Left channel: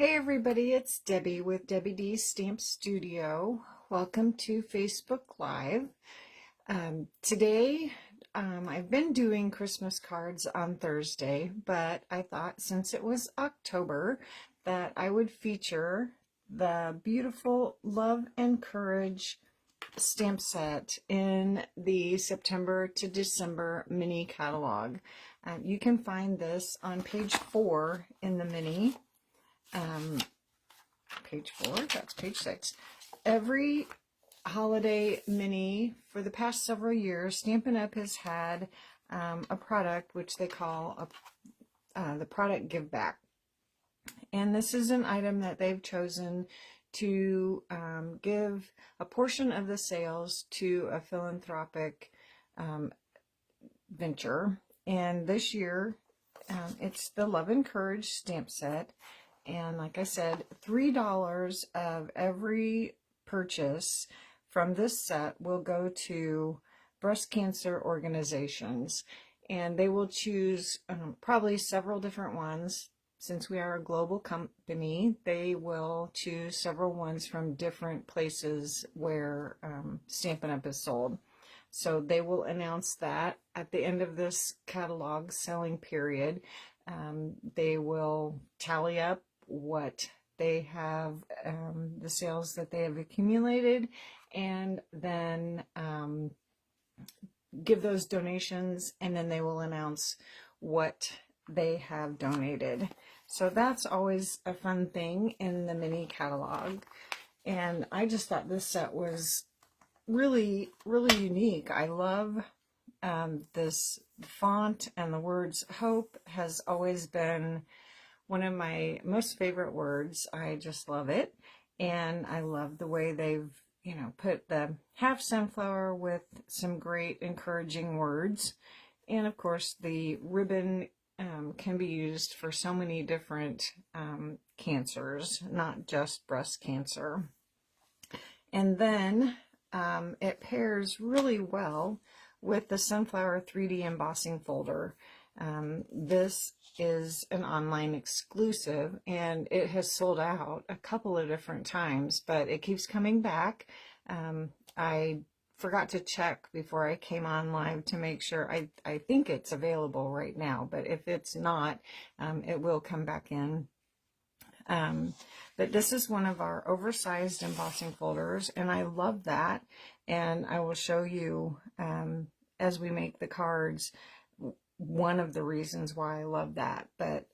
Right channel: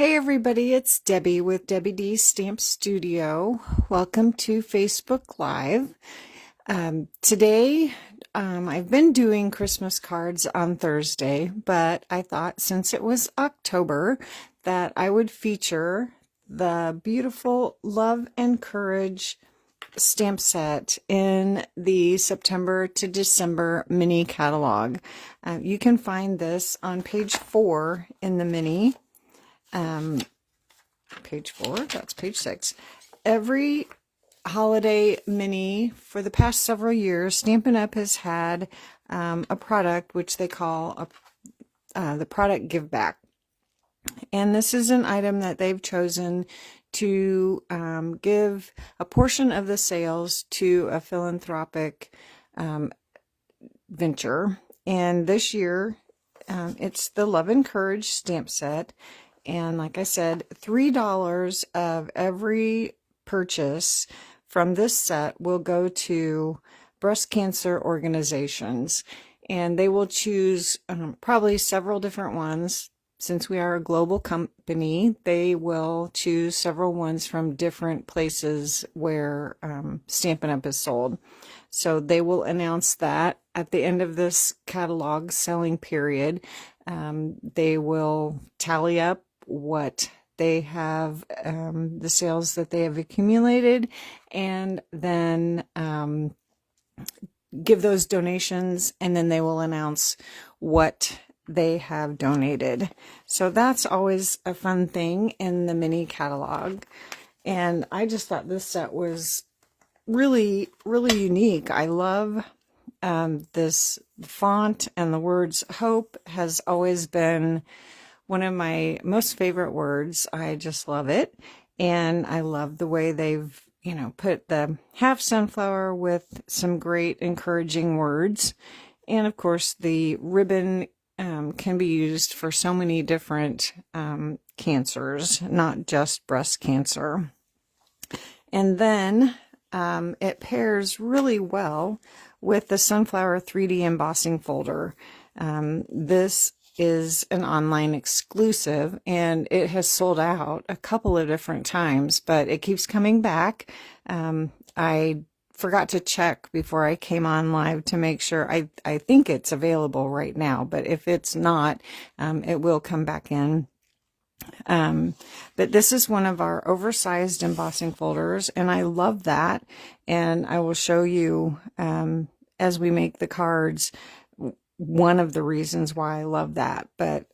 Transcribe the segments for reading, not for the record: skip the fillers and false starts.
Hey everybody, it's Debbie with Debbie D Stamp Studio. Welcome to Facebook Live. Today, I've been doing Christmas cards on Thursday, but I thought since it was October that I would feature the beautiful Love and Courage stamp set in the September to December mini catalog. You can find this on page 4 in the mini. Page 4, that's page 6. Every holiday mini for the past several years, Stampin' Up! Has had a product which they call the product give back. And this is an item that they've chosen to give a portion of the sales to a philanthropic venture. And this year, it's the Love and Courage stamp set. And like I said, $3 of every purchase from this set will go to breast cancer organizations. And they will choose probably several different ones. Since we are a global company, they will choose several ones from different places where Stampin' Up! Is sold. So they will announce that at the end of this catalog selling period. They will tally up what they have, the sales that they have accumulated, and then give those donations, and then they will announce what they have donated. So that's always a fun thing in the mini catalog. And I just thought this set was really, really unique. I love this font, and the words hope has always been one of my most favorite words. I just love it. And I love the way they've, put the half sunflower with some great encouraging words. And of course, the ribbon can be used for so many different cancers, not just breast cancer. And then it pairs really well with the Sunflower 3D embossing folder. This is an online exclusive, and it has sold out a couple of different times, but it keeps coming back. I forgot to check before I came on live to make sure. I think it's available right now, but if it's not, it will come back in. But this is one of our oversized embossing folders, and I love that. And I will show you as we make the cards one of the reasons why I love that. But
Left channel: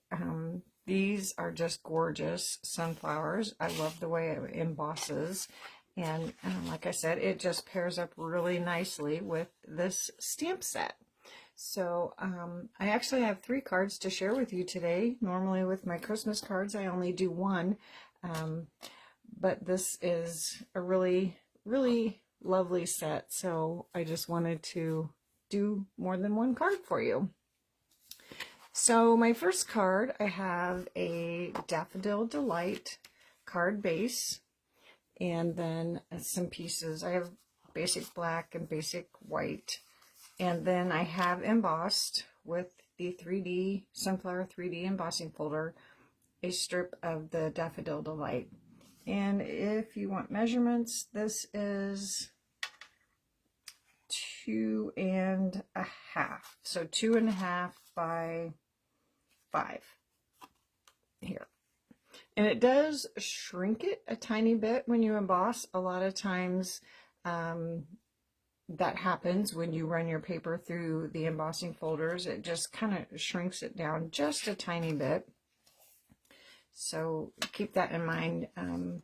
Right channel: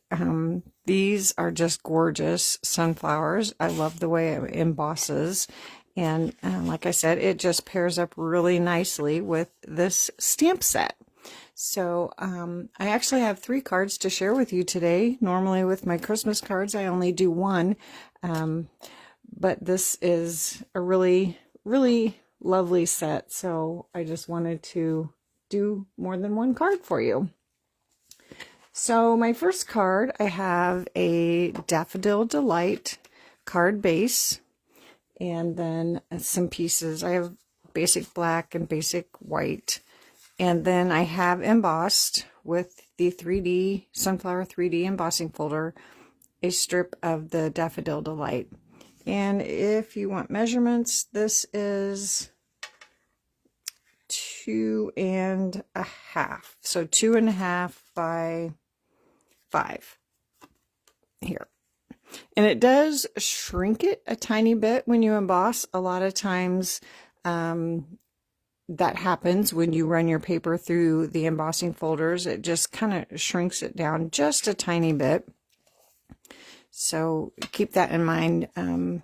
these are just gorgeous sunflowers. I love the way it embosses. And like I said, it just pairs up really nicely with this stamp set. So I actually have 3 cards to share with you today. Normally with my Christmas cards, I only do 1. But this is a really, really lovely set. So I just wanted to do more than 1 card for you. So my first card, I have a Daffodil Delight card base, and then some pieces. I have basic black and basic white, and then I have embossed with the 3D Sunflower 3D embossing folder a strip of the Daffodil Delight. And if you want measurements, this is 2.5, so 2.5 by 5 here. And it does shrink it a tiny bit when you emboss. A lot of times that happens when you run your paper through the embossing folders. It just kind of shrinks it down just a tiny bit. So keep that in mind. You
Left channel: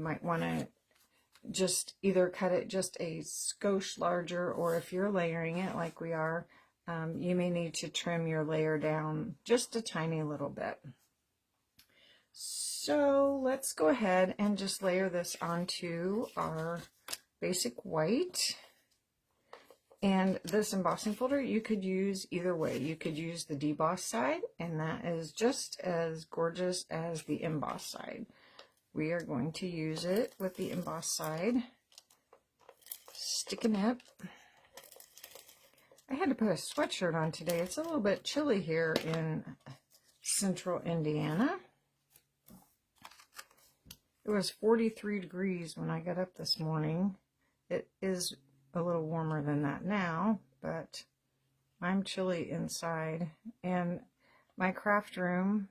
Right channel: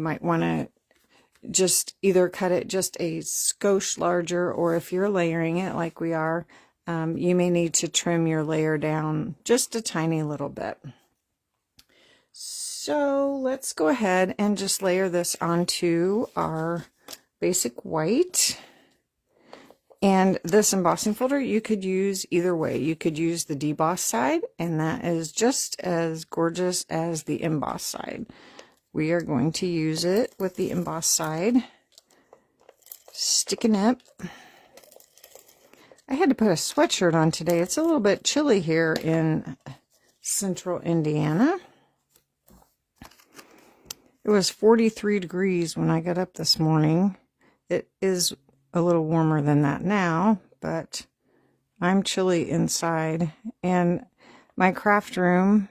might want to just either cut it just a skosh larger, or if you're layering it like we are, you may need to trim your layer down just a tiny little bit. So let's go ahead and just layer this onto our basic white. And this embossing folder, you could use either way. You could use the deboss side, and that is just as gorgeous as the emboss side. We are going to use it with the emboss side. Sticking up. I had to put a sweatshirt on today. It's a little bit chilly here in central Indiana. It was 43 degrees when I got up this morning. It is a little warmer than that now, but I'm chilly inside. And my craft room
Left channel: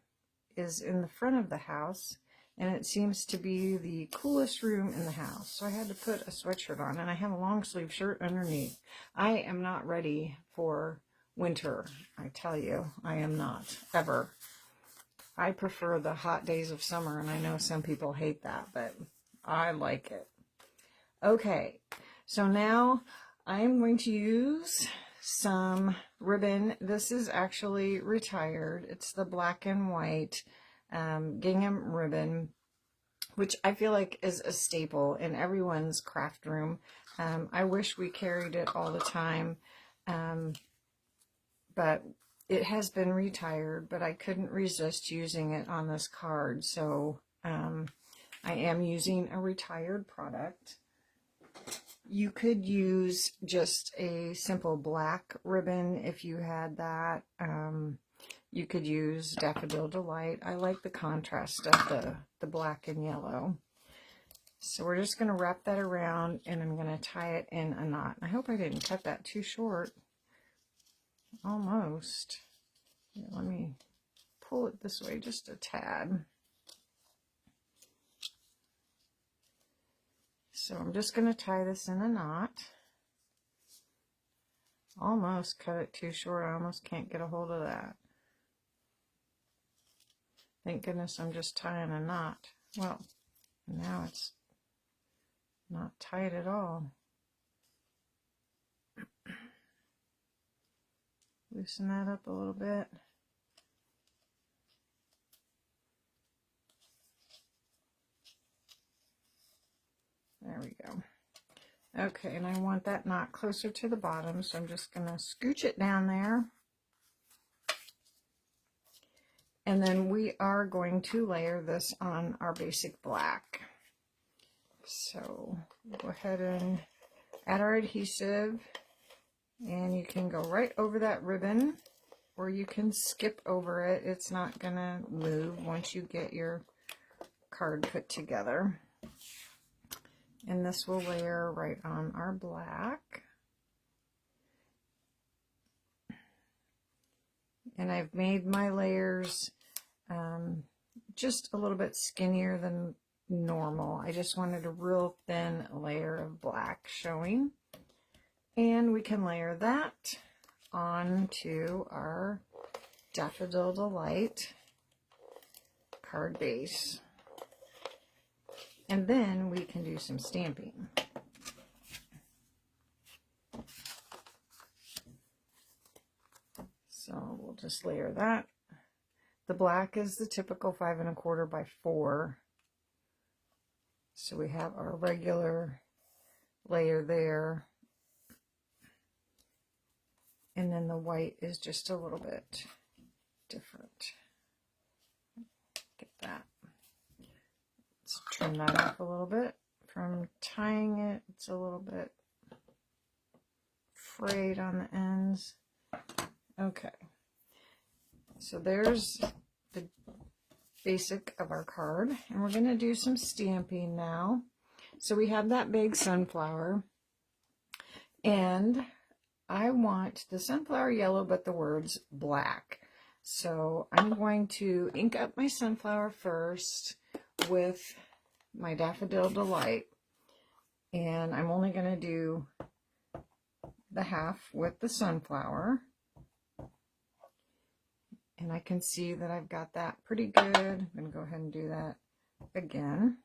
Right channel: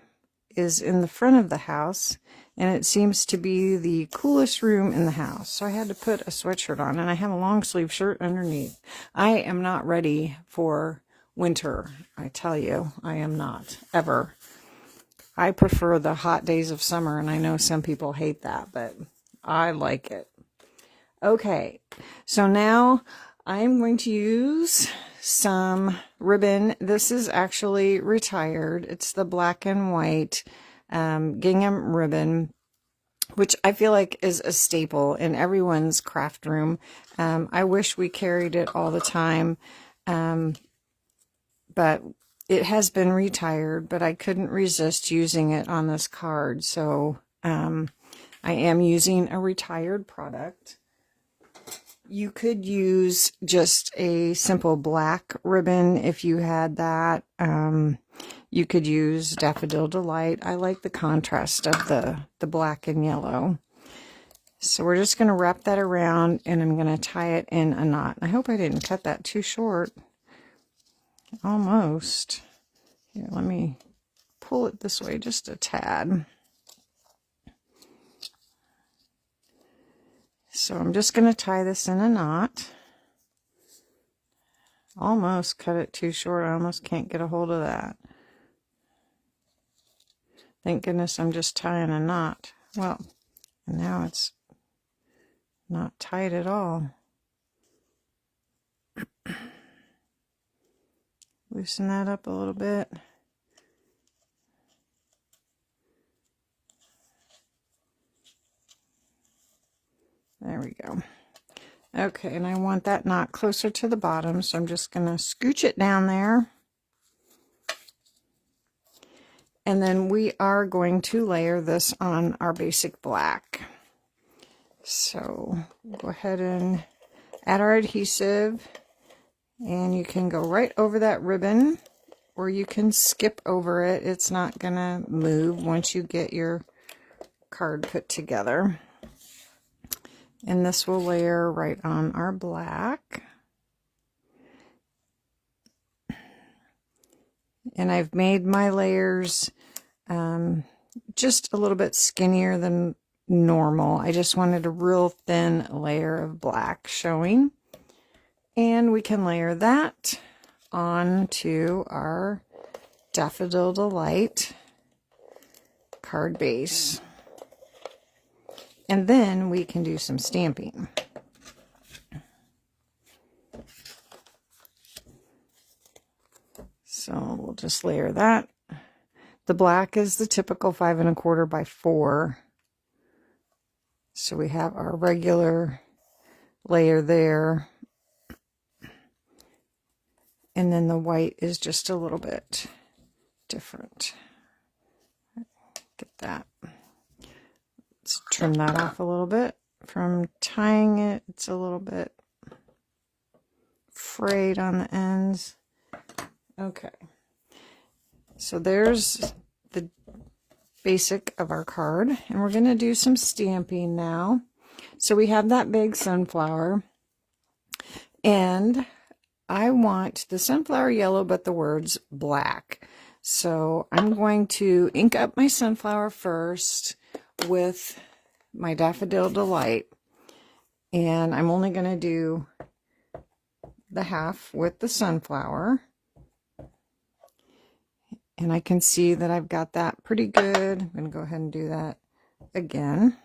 is in the front of the house, and it seems to be the coolest room in the house. So I had to put a sweatshirt on, and I have a long sleeve shirt underneath. I am not ready for winter. I tell you, I am not, ever. I prefer the hot days of summer, and I know some people hate that, but I like it. Okay, so now I'm going to use some ribbon. This is actually retired. It's the black and white gingham ribbon, which I feel like is a staple in everyone's craft room. I wish we carried it all the time, but it has been retired, but I couldn't resist using it on this card. So I am using a retired product. You could use just a simple black ribbon if you had that. You could use Daffodil Delight. I like the contrast of the black and yellow. So we're just going to wrap that around, and I'm going to tie it in a knot. I hope I didn't cut that too short. Almost. Here, let me pull it this way just a tad. So I'm just going to tie this in a knot. Almost cut it too short. I almost can't get a hold of that. Thank goodness I'm just tying a knot. Well, now it's not tight at all. Loosen that up a little bit. There we go. Okay, and I want that knot closer to the bottom, so I'm just going to scooch it down there. And then we are going to layer this on our basic black. So go ahead and add our adhesive. And you can go right over that ribbon, or you can skip over it. It's not going to move once you get your card put together. And this will layer right on our black. And I've made my layers just a little bit skinnier than normal. I just wanted a real thin layer of black showing. And we can layer that onto our Daffodil Delight card base. And then we can do some stamping. So we'll just layer that. The black is the typical 5 1/4 by 4. So we have our regular layer there. And then the white is just a little bit different. Get that. Let's trim that off a little bit. From tying it, it's a little bit frayed on the ends. Okay. So there's the basic of our card. And we're going to do some stamping now. So we have that big sunflower. And I want the sunflower yellow, but the words black. So I'm going to ink up my sunflower first with my Daffodil Delight. And I'm only going to do the half with the sunflower. And I can see that I've got that pretty good. I'm going to go ahead and do that again.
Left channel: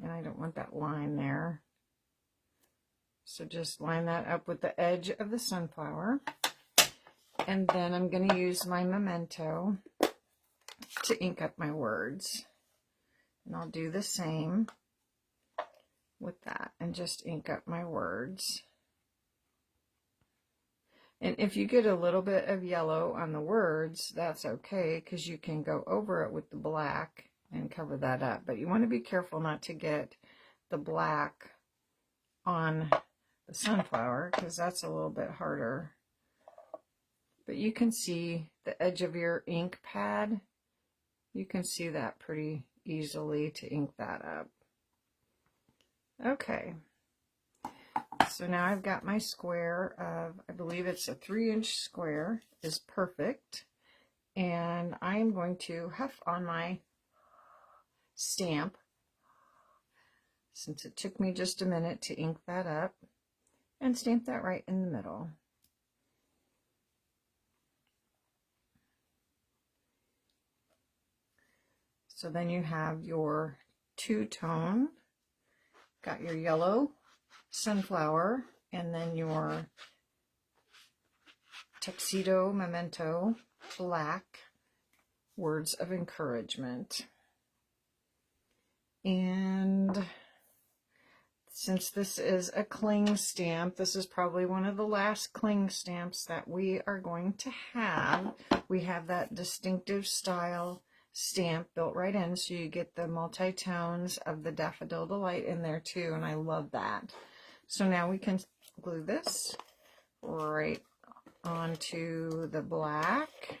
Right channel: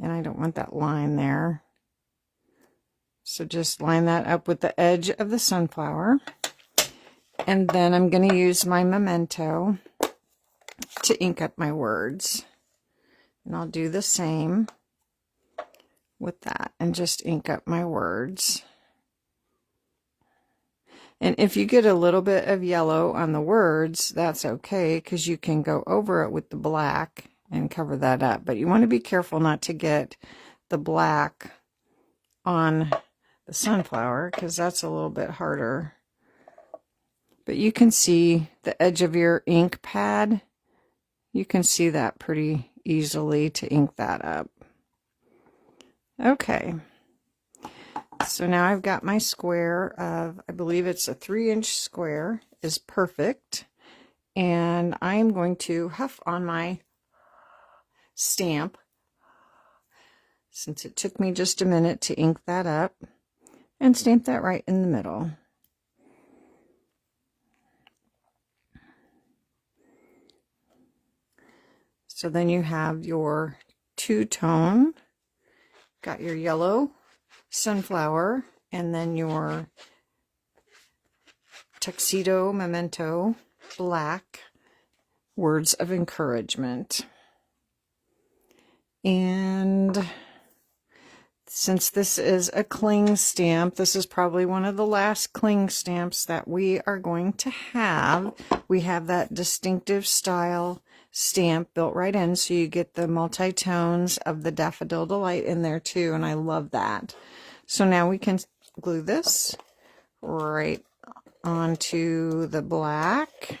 And I don't want that line there. So just line that up with the edge of the sunflower. And then I'm going to use my memento to ink up my words. And I'll do the same with that and just ink up my words. And if you get a little bit of yellow on the words, that's okay, because you can go over it with the black and cover that up. But you want to be careful not to get the black on the sunflower, because that's a little bit harder. But you can see the edge of your ink pad. You can see that pretty easily to ink that up. Okay, so now I've got my square of, I believe it's a 3-inch square, is perfect. And I'm going to huff on my stamp, since it took me just a minute to ink that up, and stamp that right in the middle. So then you have your two-tone, got your yellow sunflower, and then your tuxedo memento black words of encouragement. And since this is a cling stamp, this is probably one of the last cling stamps that we are going to have. We have that distinctive style stamp built right in, so you get the multi-tones of the Daffodil Delight in there too, and I love that. So now we can glue this right onto the black,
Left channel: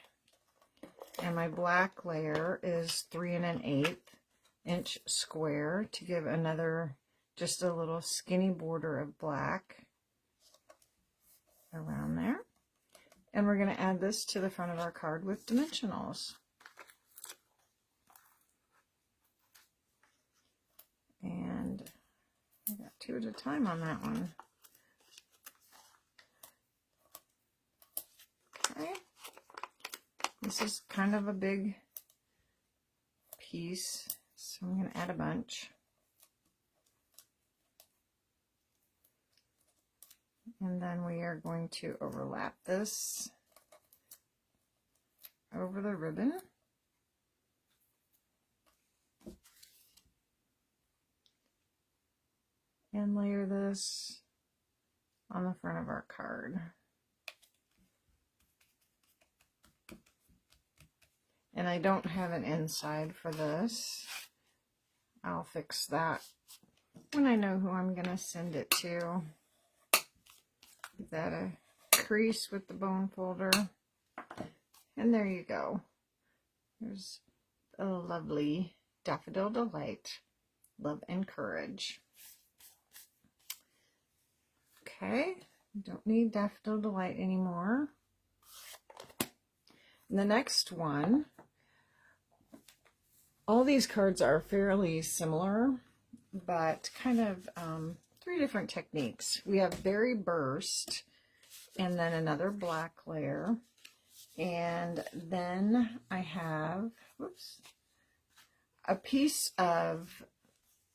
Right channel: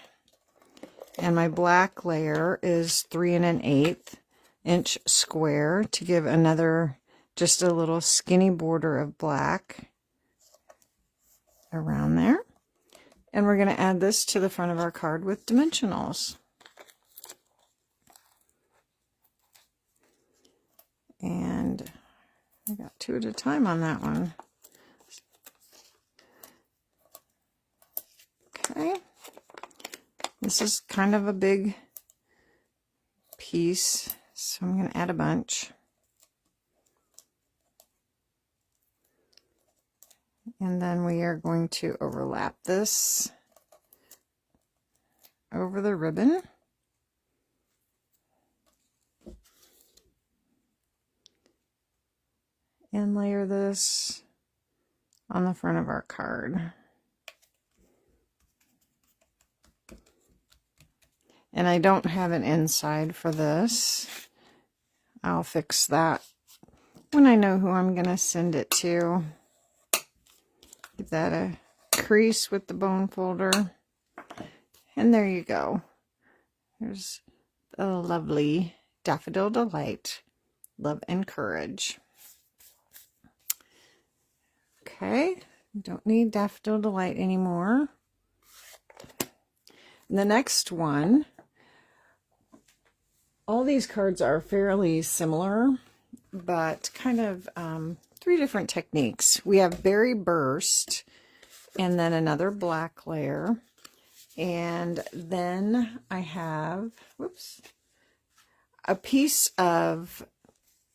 and my black layer is 3 1/8 inch square to give another, just a little skinny border of black around there. And we're going to add this to the front of our card with dimensionals. And I got 2 at a time on that one. Okay. This is kind of a big piece, so I'm going to add a bunch. And then we are going to overlap this over the ribbon. And layer this on the front of our card. And I don't have an inside for this. I'll fix that when I know who I'm going to send it to. Give that a crease with the bone folder. And there you go. There's a lovely Daffodil Delight. Love and Courage. Okay, don't need Daffodil Delight anymore. The next one, all these cards are fairly similar, but kind of 3 different techniques. We have Berry Burst, and then another black layer, and then I have, whoops, a piece of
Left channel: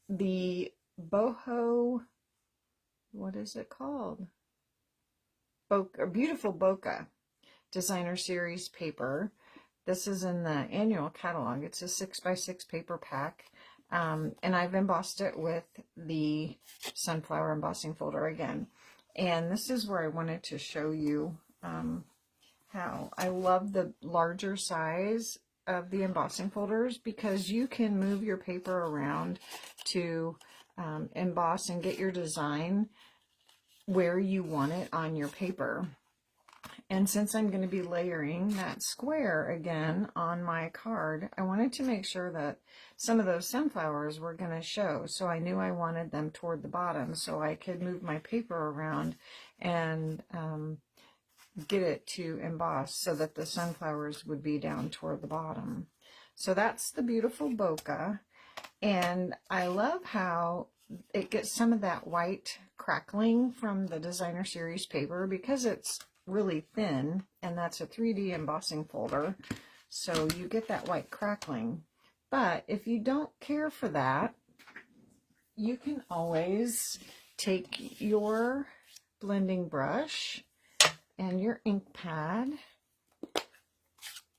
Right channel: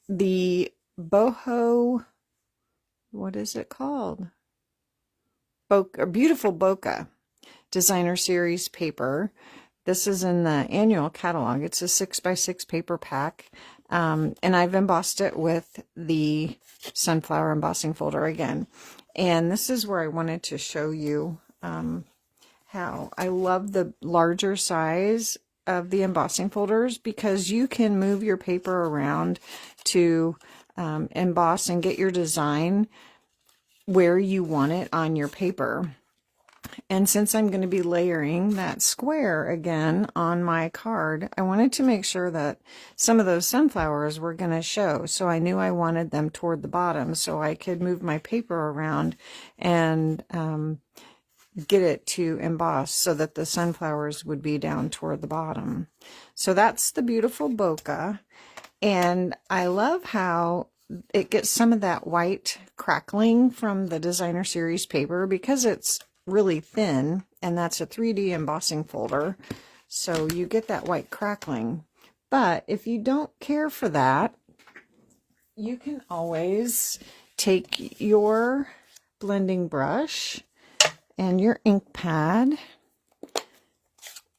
the boho, what is it called? Beautiful Bokeh Designer Series paper. This is in the annual catalog. It's a 6x6 paper pack. And I've embossed it with the Sunflower Embossing Folder again. And this is where I wanted to show you how I love the larger size of the embossing folders, because you can move your paper around to emboss and get your design where you want it on your paper. And since I'm going to be layering that square again on my card, I wanted to make sure that some of those sunflowers were going to show. So I knew I wanted them toward the bottom so I could move my paper around and get it to emboss so that the sunflowers would be down toward the bottom. So that's the beautiful bokeh. And I love how it gets some of that white crackling from the Designer Series paper, because it's really thin, and that's a 3D embossing folder, so you get that white crackling. But if you don't care for that, you can always take your blending brush and your ink pad,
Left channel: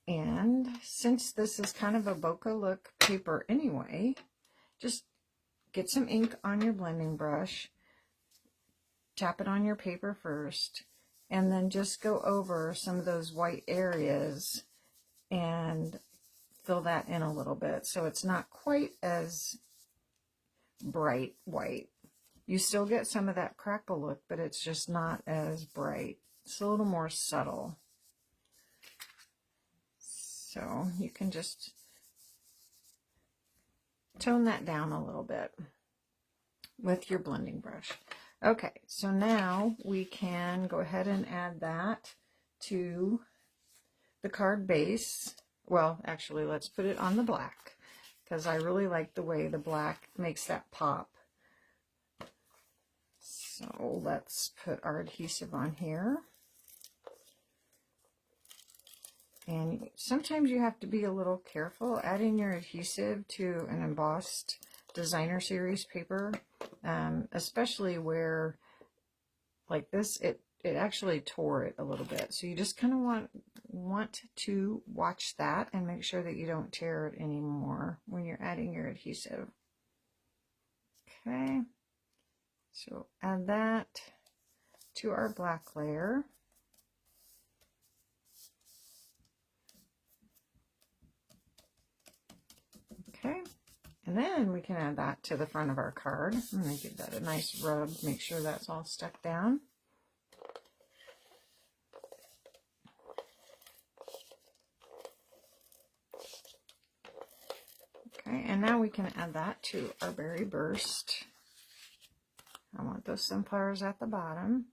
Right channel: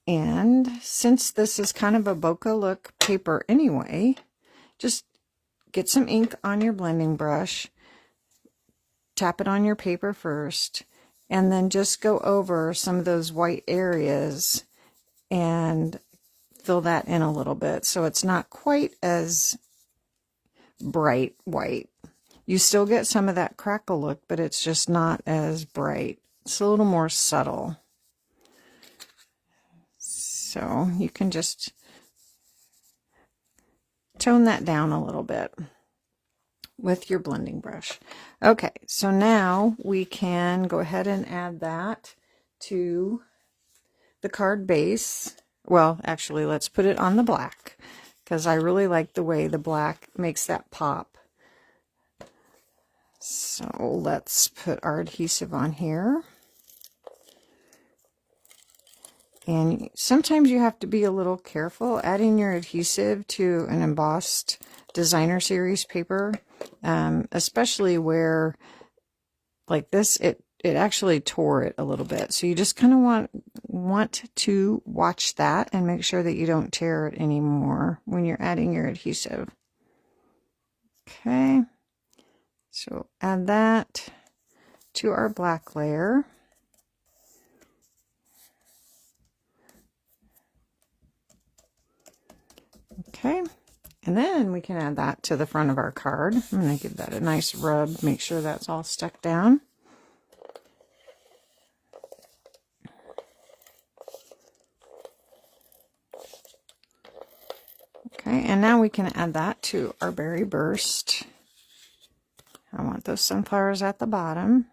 and since this is kind of a bokeh look paper anyway, just get some ink on your blending brush, tap it on your paper first, and then just go over some of those white areas and fill that in a little bit so it's not quite as bright white. You still get some of that crackle look, but it's just not as bright. It's a little more subtle. So you can just tone that down a little bit with your blending brush. Okay, so now we can go ahead and add that to the card base. Well, actually, let's put it on the black because I really like the way the black makes that pop. So let's put our adhesive on here. And sometimes you have to be a little careful adding your adhesive to an embossed designer series paper, especially where, like this, it actually tore it a little bit. So you just kind of want to watch that and make sure that you don't tear it anymore when you're adding your adhesive. Okay, so add that to our black layer. Okay, and then we can add that to the front of our card. I'm going to give that a nice rub, make sure that's all stuck down. Okay, and now we can add that to our berry burst. I want those sunflowers at the bottom,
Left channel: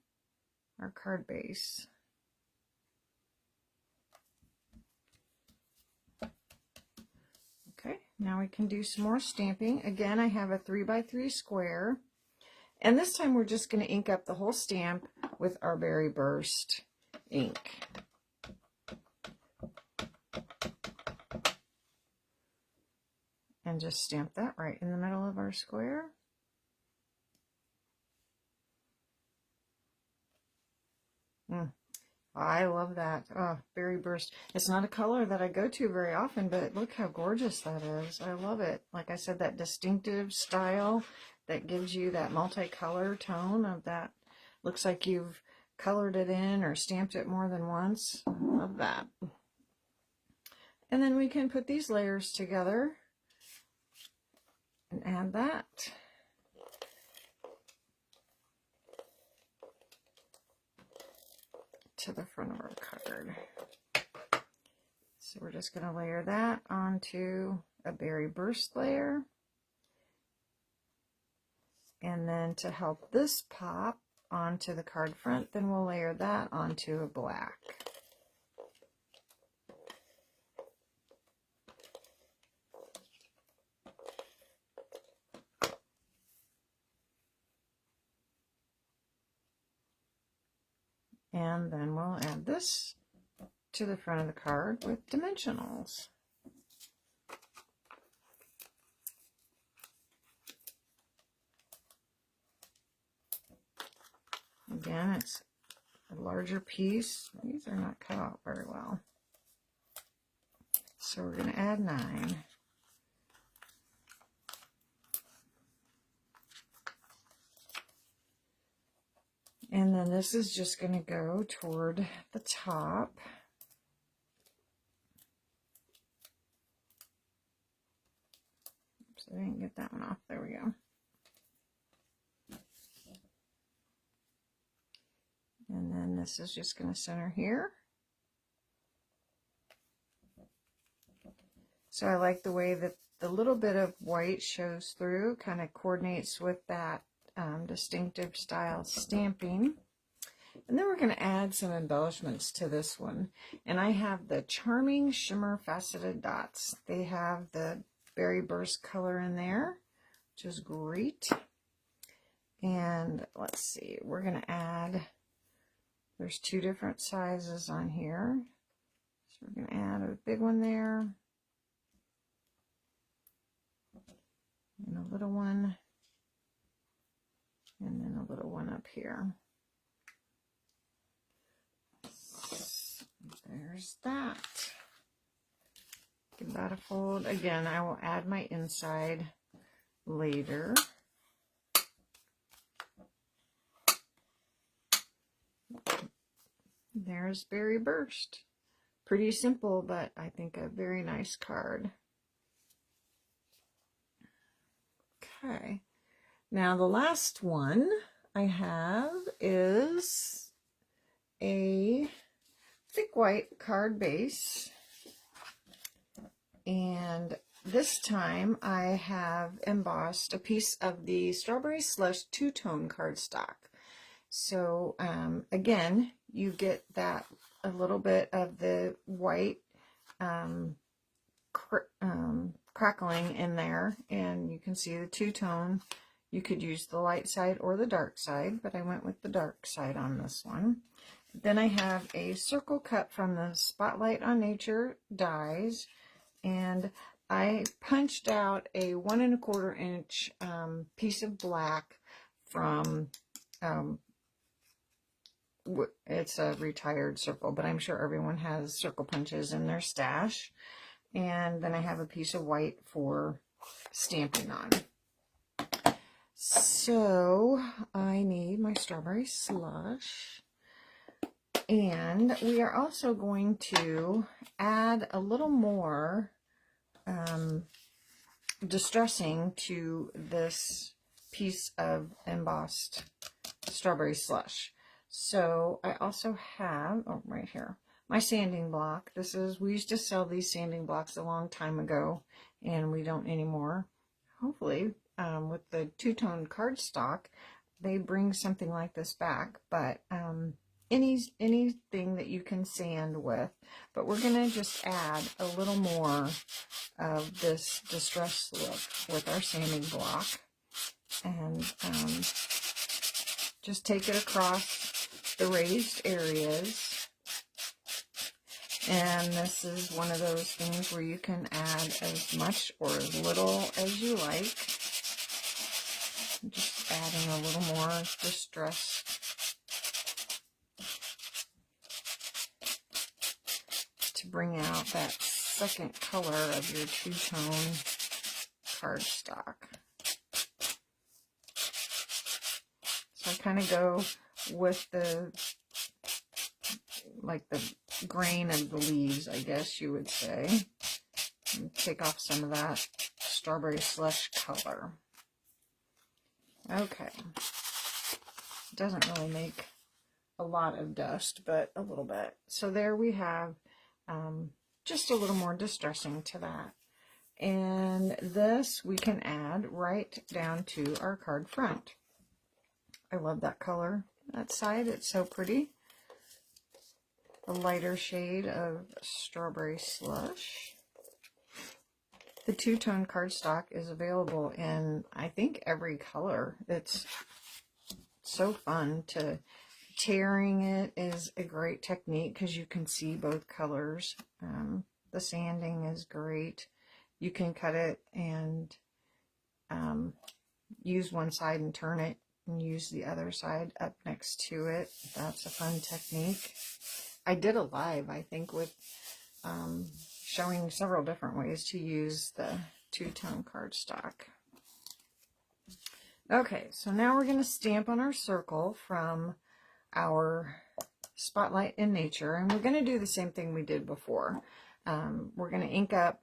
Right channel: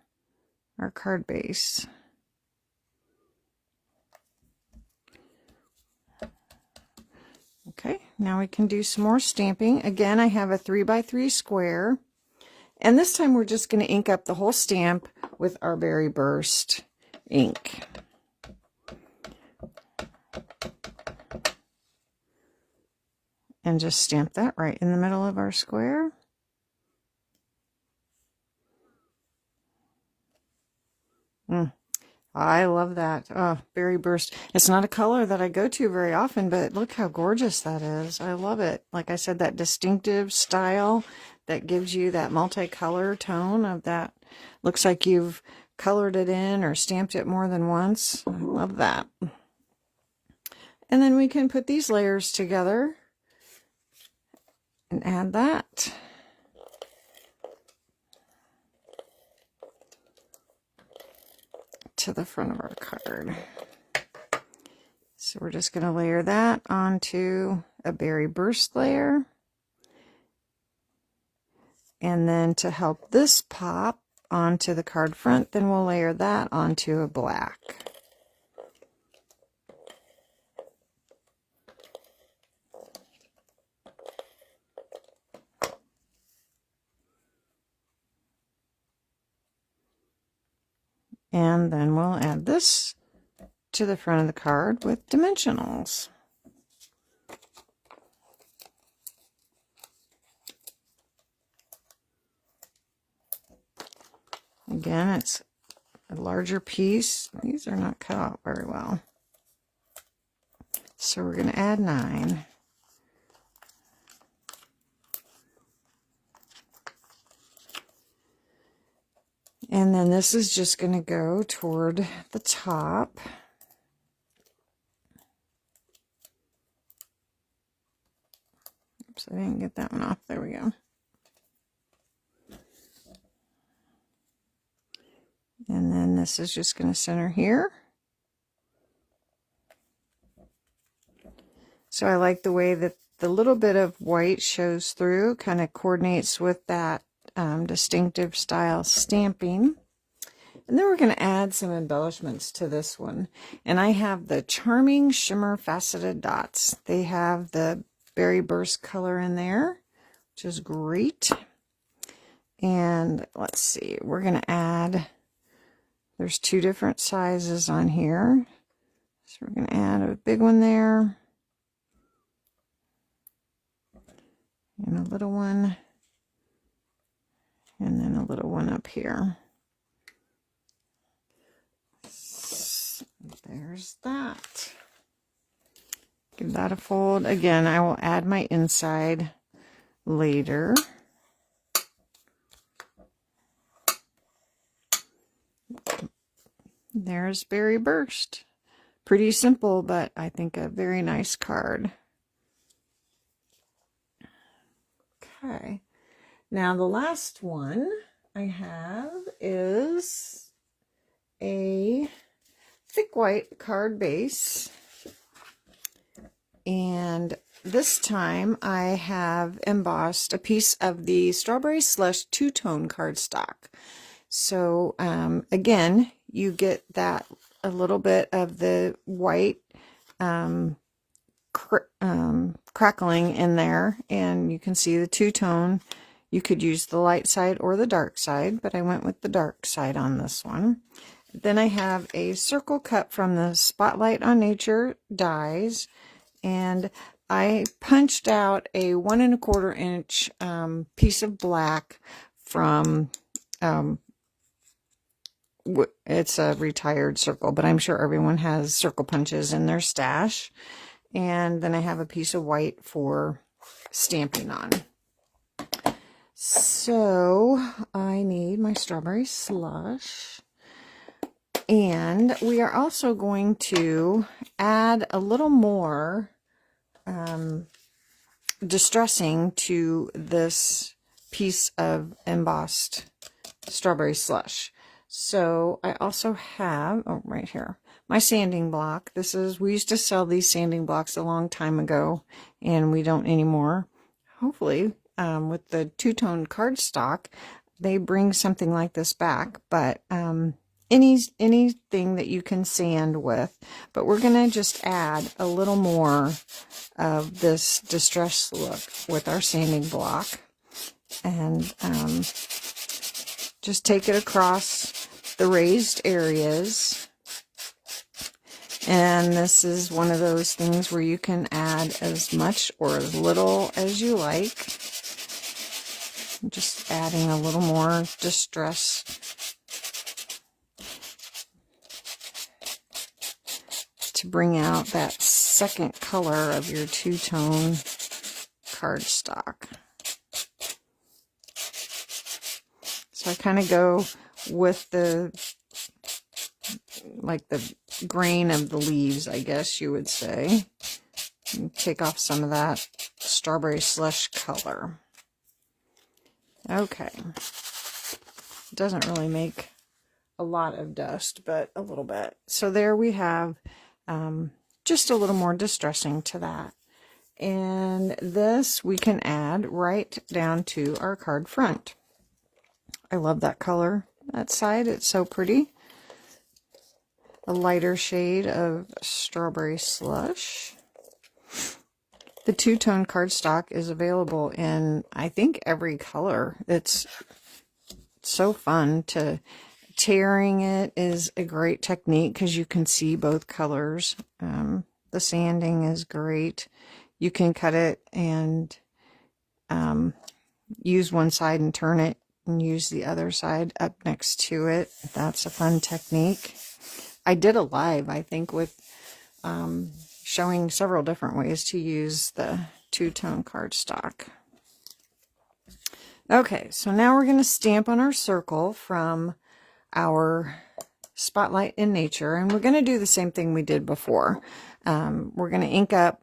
our card base. Okay, now we can do some more stamping. Again, I have a 3x3 square, and this time we're just going to ink up the whole stamp with our berry burst ink. And just stamp that right in the middle of our square. I love that. Oh, berry burst. It's not a color that I go to very often, but look how gorgeous that is. I love it. Like I said, that distinctive style that gives you that multicolor tone of that. Looks like you've colored it in or stamped it more than once. I love that. And then we can put these layers together and add that. To the front of our card. So we're just going to layer that onto a berry burst layer. And then to help this pop onto the card front, then we'll layer that onto a black. And then we'll add this to the front of the card with dimensionals. Again, it's a larger piece. These are not cut out very well. So we're going to add 9. And then this is just going to go toward the top. Oops, I didn't get that one off. There we go. And then this is just going to center here. So I like the way that the little bit of white shows through, kind of coordinates with that distinctive style stamping. And then we're going to add some embellishments to this one. And I have the Charming Shimmer Faceted Dots. They have the berry burst color in there, which is great. And let's see, we're going to add, there's 2 different sizes on here. So we're going to add a big one there. And a little one. And then a little one up here. So there's that. Give that a fold. Again, I will add my inside later. There's Berry Burst. Pretty simple, but I think a very nice card. Okay. Now the last one I have is a thick white card base. And this time I have embossed a piece of the Strawberry Slush two-tone cardstock. So again, you get that a little bit of the white crackling in there, and you can see the two-tone. You could use the light side or the dark side, but I went with the dark side on this one. Then I have a circle cut from the Spotlight on Nature dies, and I punched out a 1 1/4 inch piece of black from, it's a retired circle, but I'm sure everyone has circle punches in their stash. And then I have a piece of white for stamping on. So I need my Strawberry Slush. And we are also going to add a little more distressing to this piece of embossed Strawberry Slush. So I also have, oh, right here, my sanding block. This is, we used to sell these sanding blocks a long time ago, and we don't anymore. Hopefully, with the two-tone cardstock, they bring something like this back, but anything that you can sand with. But we're going to just add a little more of this distress look with our sanding block, and just take it across the raised areas. And this is one of those things where you can add as much or as little as you like. I'm just adding a little more distress to bring out that second color of your two-tone cardstock. So I kind of go with the, like the grain of the leaves, I guess you would say. And take off some of that Strawberry Slush color. Okay. It doesn't really make a lot of dust, but a little bit. So there we have just a little more distressing to that. And this we can add right down to our card front. I love that color, that side. It's so pretty. A lighter shade of Strawberry Slush. The two-tone cardstock is available in, I think, every color. It's so fun to... Tearing it is a great technique because you can see both colors. The sanding is great. You can cut it and use one side and turn it and use the other side up next to it. That's a fun technique. I did a live, I think, with showing several different ways to use the two-tone cardstock. Okay, so now we're going to stamp on our circle from our Spotlight in Nature, and we're going to do the same thing we did before. We're going to ink up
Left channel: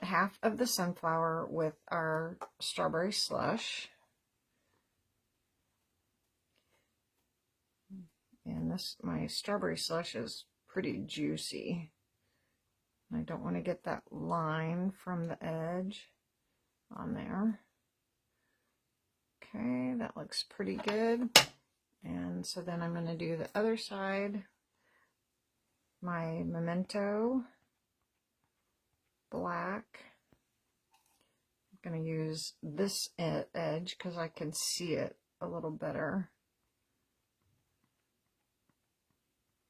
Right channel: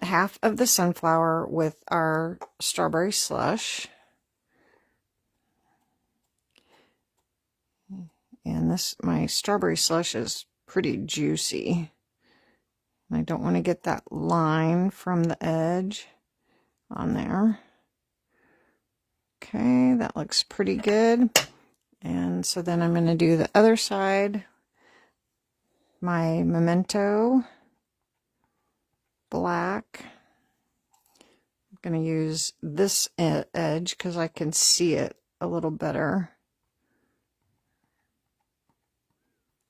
half of the sunflower with our Strawberry Slush, and this, my Strawberry Slush is pretty juicy. I don't want to get that line from the edge on there. Okay, that looks pretty good. And so then I'm going to do the other side, my Memento black. I'm going to use this edge because I can see it a little better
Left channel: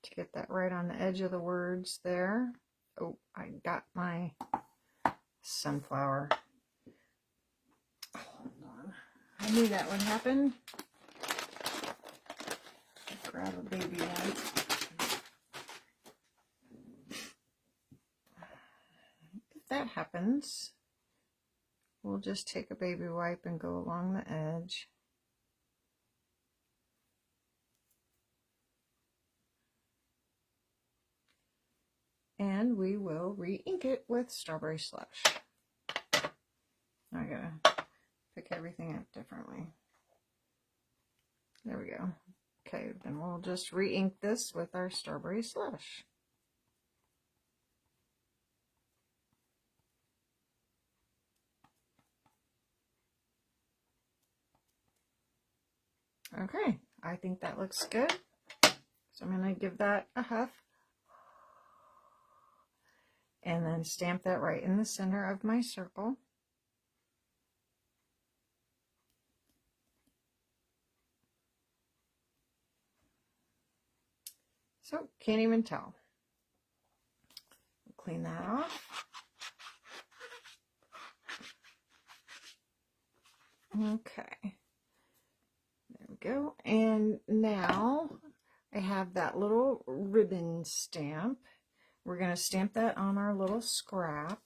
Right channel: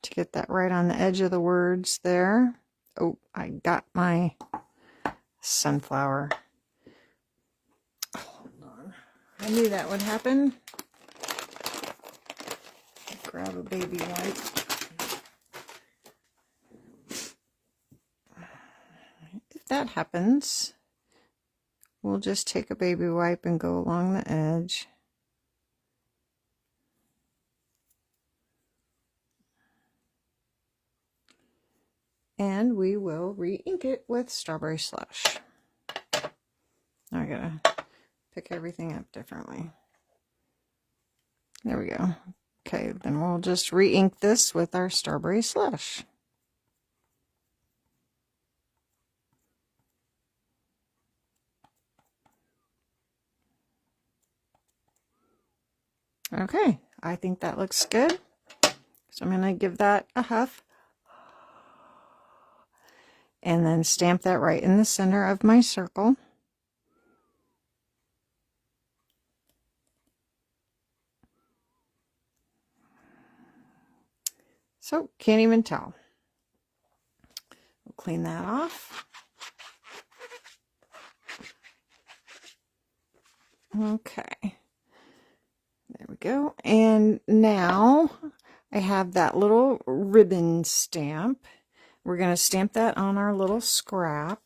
to get that right on the edge of the words there. Oh, I got my sunflower. Hold on. I knew that would happen. Grab a baby wipe. If that happens, we'll just take a baby wipe and go along the edge. And we will re-ink it with Strawberry Slush. I gotta pick everything up differently. There we go. Okay, then we'll just re-ink this with our Strawberry Slush. Okay, I think that looks good. So I'm going to give that a huff. And then stamp that right in the center of my circle. So, can't even tell. We'll clean that off. Okay. There we go. And now I have that little ribbon stamp. We're going to stamp that on our little scrap.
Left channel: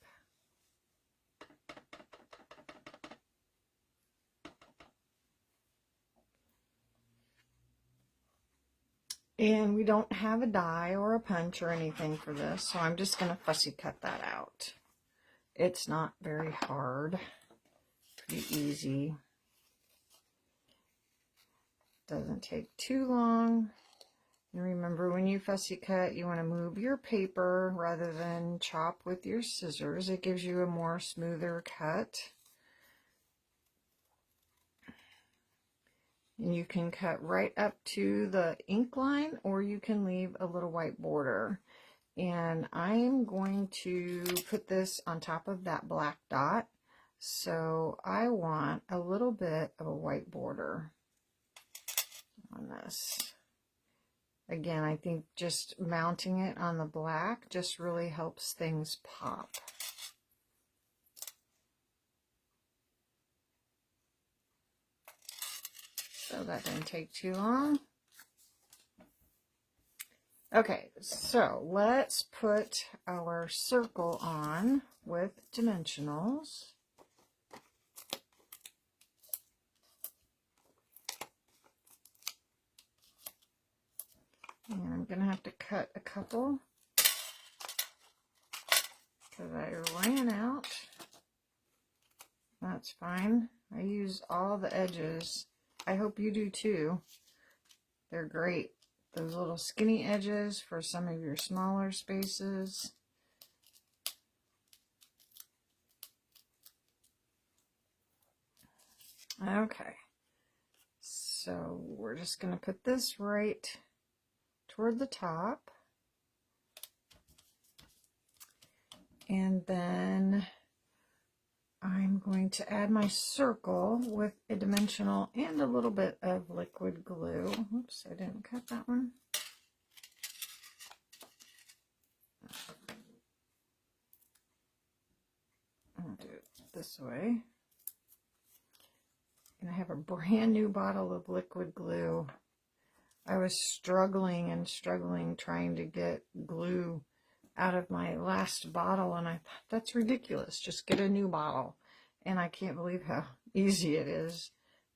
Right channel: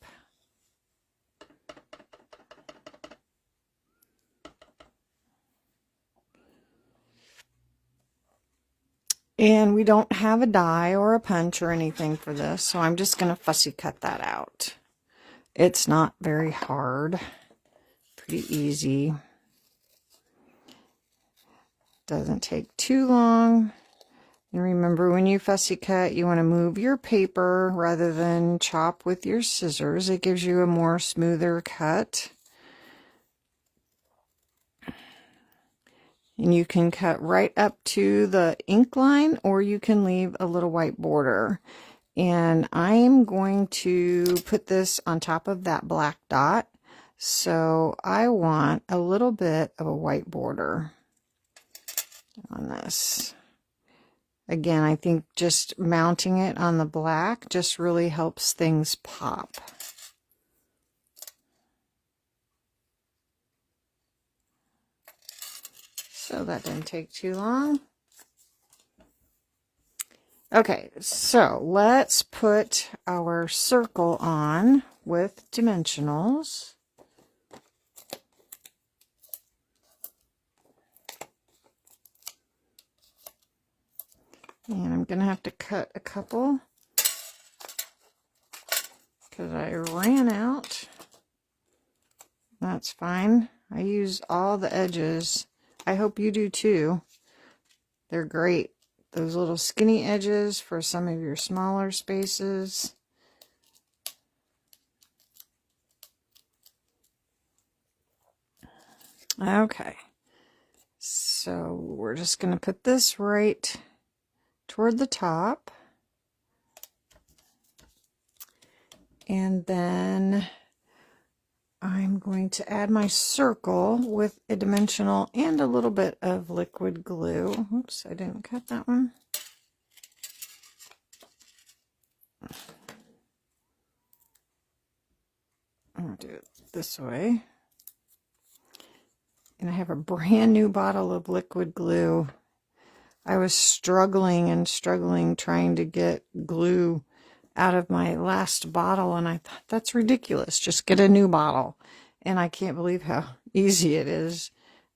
And we don't have a die or a punch or anything for this, so I'm just going to fussy cut that out. It's not very hard. Pretty easy. Doesn't take too long. And remember, when you fussy cut, you want to move your paper rather than chop with your scissors. It gives you a more smoother cut. And you can cut right up to the ink line, or you can leave a little white border. And I'm going to put this on top of that black dot. So I want a little bit of a white border on this. Again, I think just mounting it on the black just really helps things pop. So that didn't take too long. Okay, so let's put our circle on with dimensionals. And I'm going to have to cut a couple because I ran out. That's fine. I use all the edges. I hope you do too. They're great. Those little skinny edges for some of your smaller spaces. Okay. So we're just going to put this right toward the top. And then I'm going to add my circle with a dimensional and a little bit of liquid glue. Oops, I didn't cut that one. I'm going to do it this way. And I have a brand new bottle of liquid glue. I was struggling and struggling trying to get glue out of my last bottle, and I thought, that's ridiculous. Just get a new bottle. And I can't believe how easy it is.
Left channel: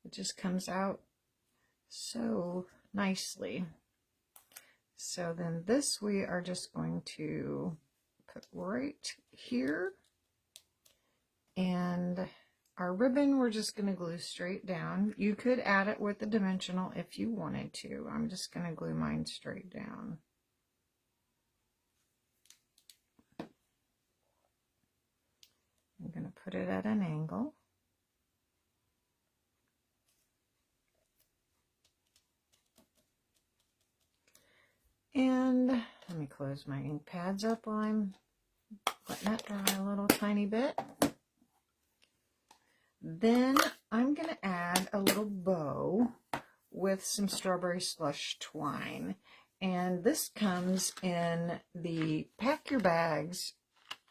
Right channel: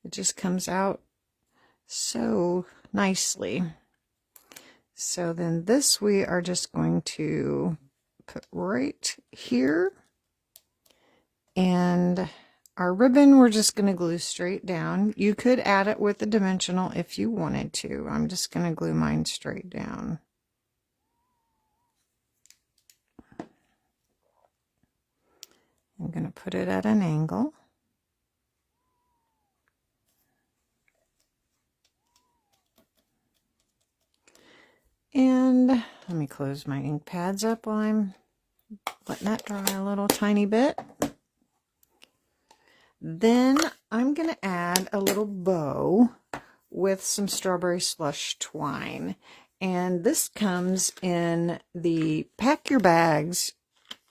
It just comes out so nicely. So then this we are just going to put right here. And our ribbon we're just going to glue straight down. You could add it with a dimensional if you wanted to. I'm just going to glue mine straight down. I'm going to put it at an angle. And let me close my ink pads up while I'm letting that dry a little tiny bit. Then I'm going to add a little bow with some strawberry slush twine. And this comes in the Pack Your Bags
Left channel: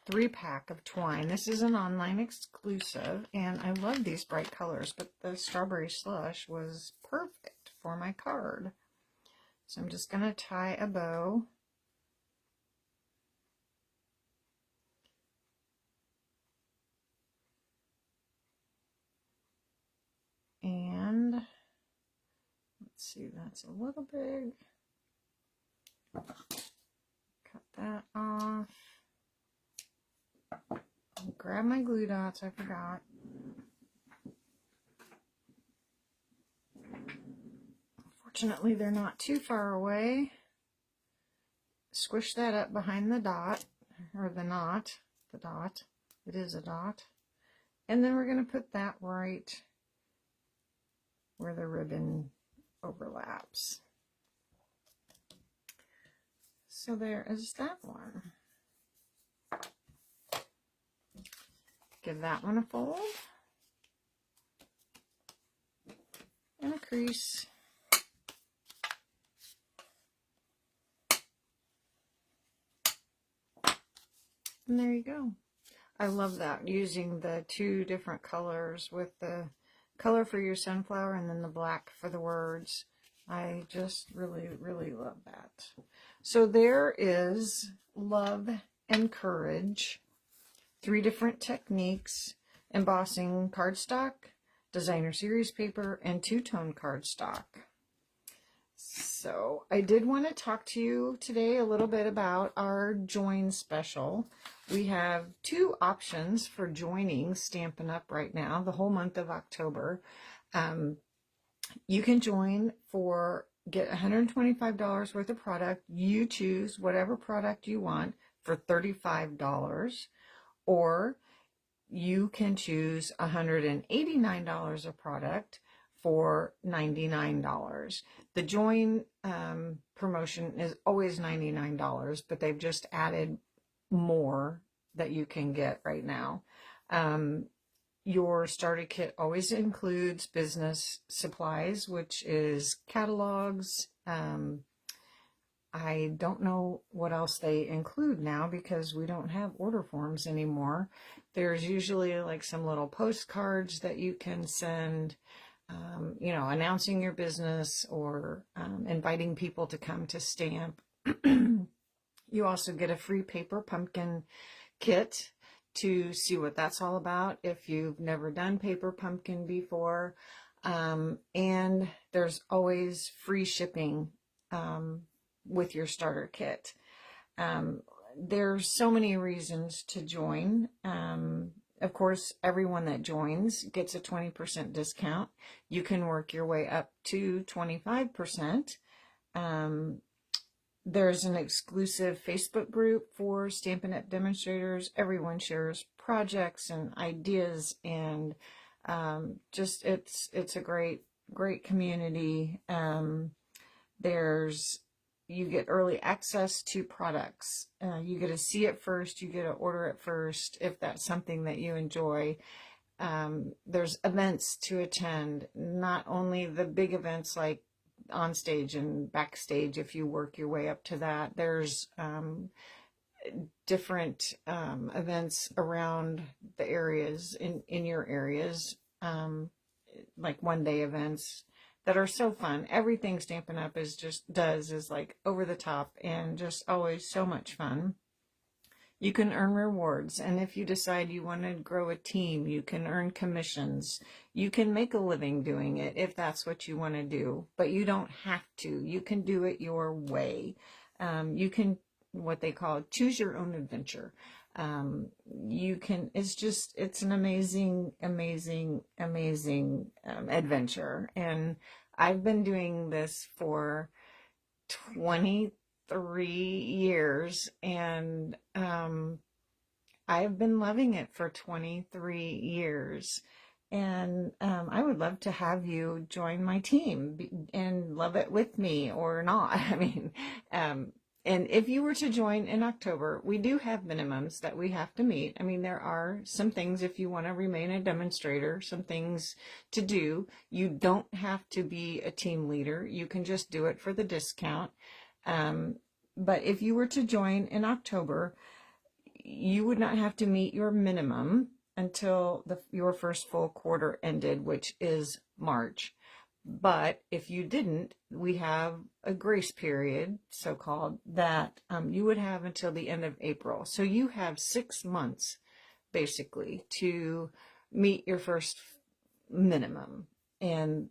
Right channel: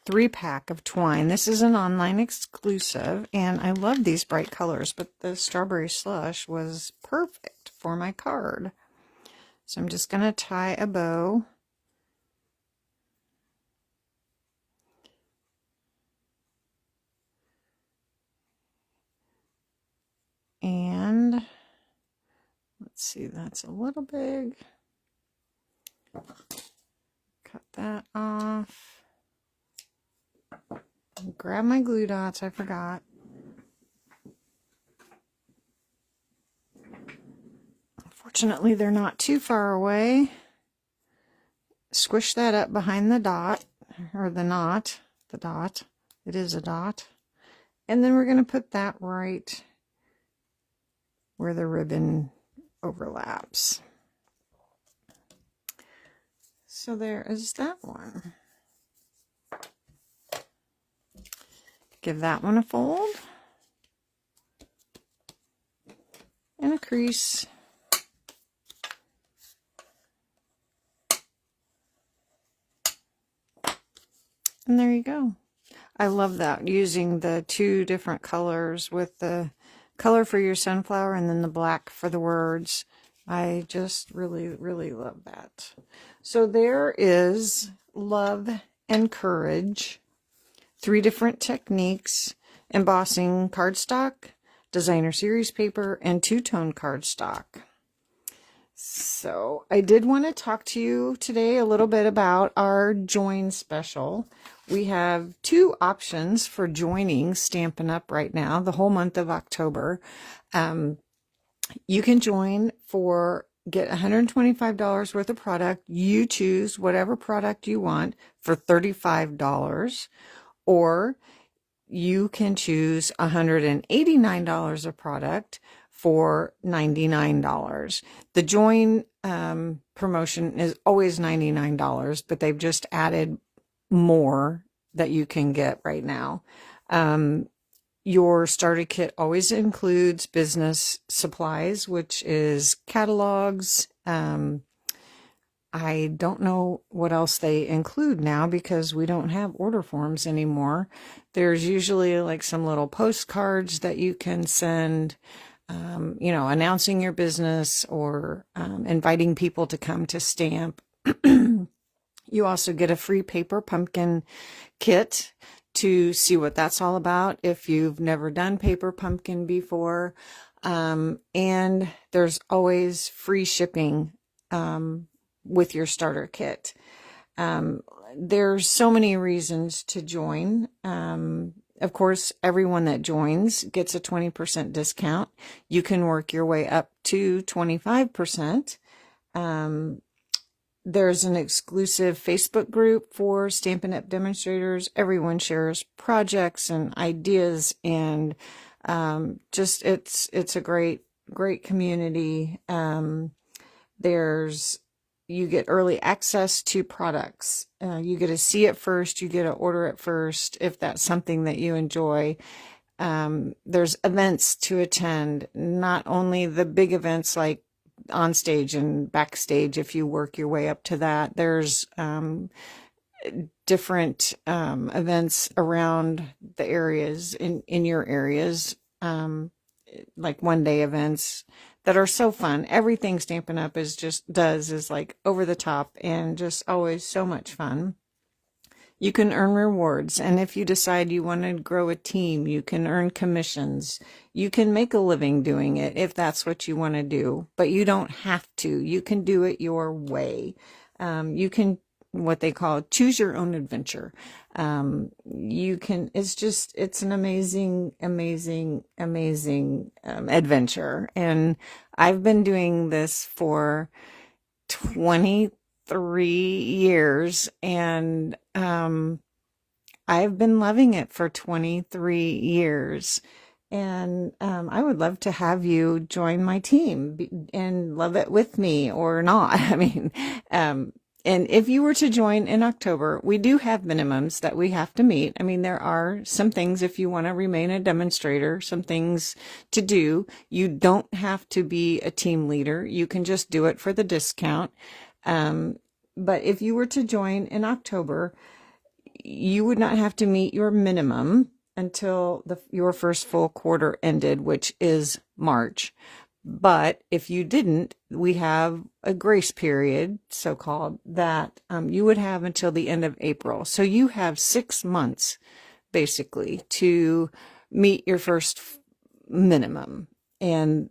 3-pack of twine. This is an online exclusive, and I love these bright colors, but the strawberry slush was perfect for my card. So I'm just going to tie a bow. And let's see, that's a little big. Cut that off. Grab my glue dots, I forgot. Fortunately, they're not too far away. Squish that up behind the dot, or the knot, the dot. It is a dot. And then we're going to put that right where the ribbon overlaps. So there is that one. Give that one a fold and a crease. And there you go. I love that, using the two different colors with the color for your sunflower and then the black for the words. I just really, really love that. So there is Love and Courage. 3 different techniques: embossing cardstock, designer series paper, and two-tone cardstock. So I did want to talk to you today a little bit about our join special. We have 2 options for joining Stampin' Up! Right now, the whole month of October. You can join for, get $125 worth of product. You choose whatever product you want for $35, or you can choose $189 of product for $99. The join promotion is always $99, but they've just added more that you can get right now. Your starter kit always includes business supplies, which is catalogs. I don't know what else they include now because we don't have order forms anymore. There's usually like some little postcards that you can send, you know, announcing your business or inviting people to come to stamp. You also get a free paper pumpkin kit to see what that's all about if you've never done paper pumpkin before. And there's always free shipping with your starter kit. There's so many reasons to join. Of course, everyone that joins gets a 20% discount. You can work your way up to 25%. There's an exclusive Facebook group for Stampin' Up! Demonstrators. Everyone shares projects and ideas, and just it's a great community. You get early access to products. You get to see it first. You get to order it first if that's something that you enjoy. There's events to attend, not only the big events like on stage and backstage. If you work your way up to that, there's different events around the areas in your areas, like one-day events that are so fun. Everything Stampin' Up! Is like over the top and just always so much fun. You can earn rewards, and if you decide you want to grow a team, you can earn commissions. You can make a living doing it if that's what you want to do, but you don't have to. You can do it your way. You can, what they call, choose your own adventure. You can, it's an amazing adventure. And I've been doing this for 23 years, and I've been loving it for 23 years. And I would love to have you join my team and love it with me or not. I mean, and if you were to join in October, we do have minimums that we have to meet. I mean, there are some things, if you want to remain a demonstrator, some things to do. You don't have to be a team leader. You can just do it for the discount. But if you were to join in October, you would not have to meet your minimum until your first full quarter ended, which is March. But if you didn't, we have a grace period, so-called, that you would have until the end of April. So you have 6 months, basically, to meet your first minimum. And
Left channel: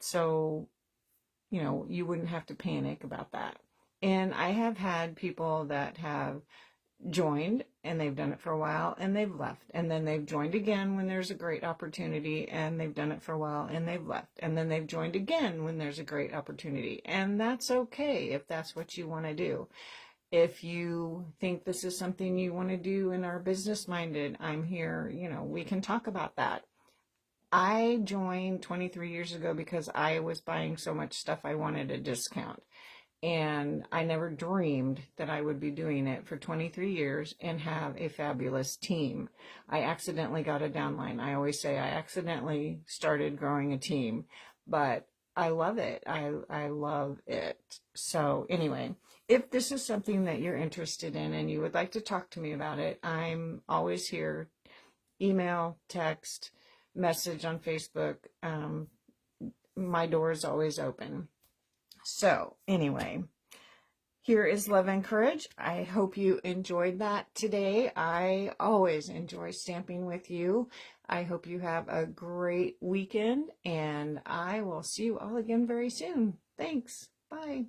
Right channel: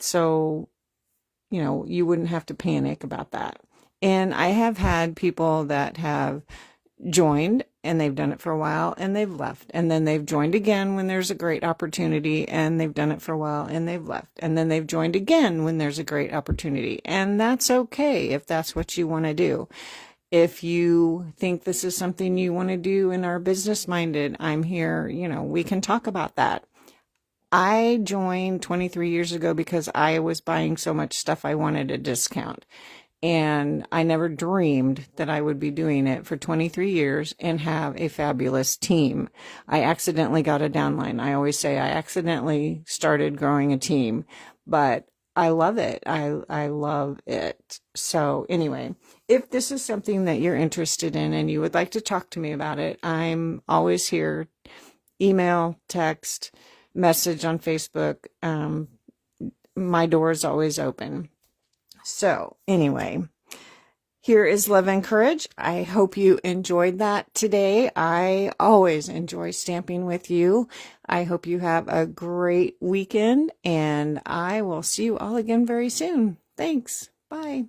so, you know, you wouldn't have to panic about that. And I have had people that have joined and they've done it for a while and they've left, and then they've joined again when there's a great opportunity and they've done it for a while and they've left, and then they've joined again when there's a great opportunity. And that's okay if that's what you want to do. If you think this is something you want to do and are business minded, I'm here, you know, we can talk about that. I joined 23 years ago because I was buying so much stuff I wanted a discount. And I never dreamed that I would be doing it for 23 years and have a fabulous team. I accidentally got a downline. I always say I accidentally started growing a team, but I love it. I love it. So anyway, if this is something that you're interested in and you would like to talk to me about it, I'm always here. Email, text, message on Facebook. My door is always open. So anyway, here is love and courage. I hope you enjoyed that today. I always enjoy stamping with you. I hope you have a great weekend, and I will see you all again very soon. Thanks. Bye.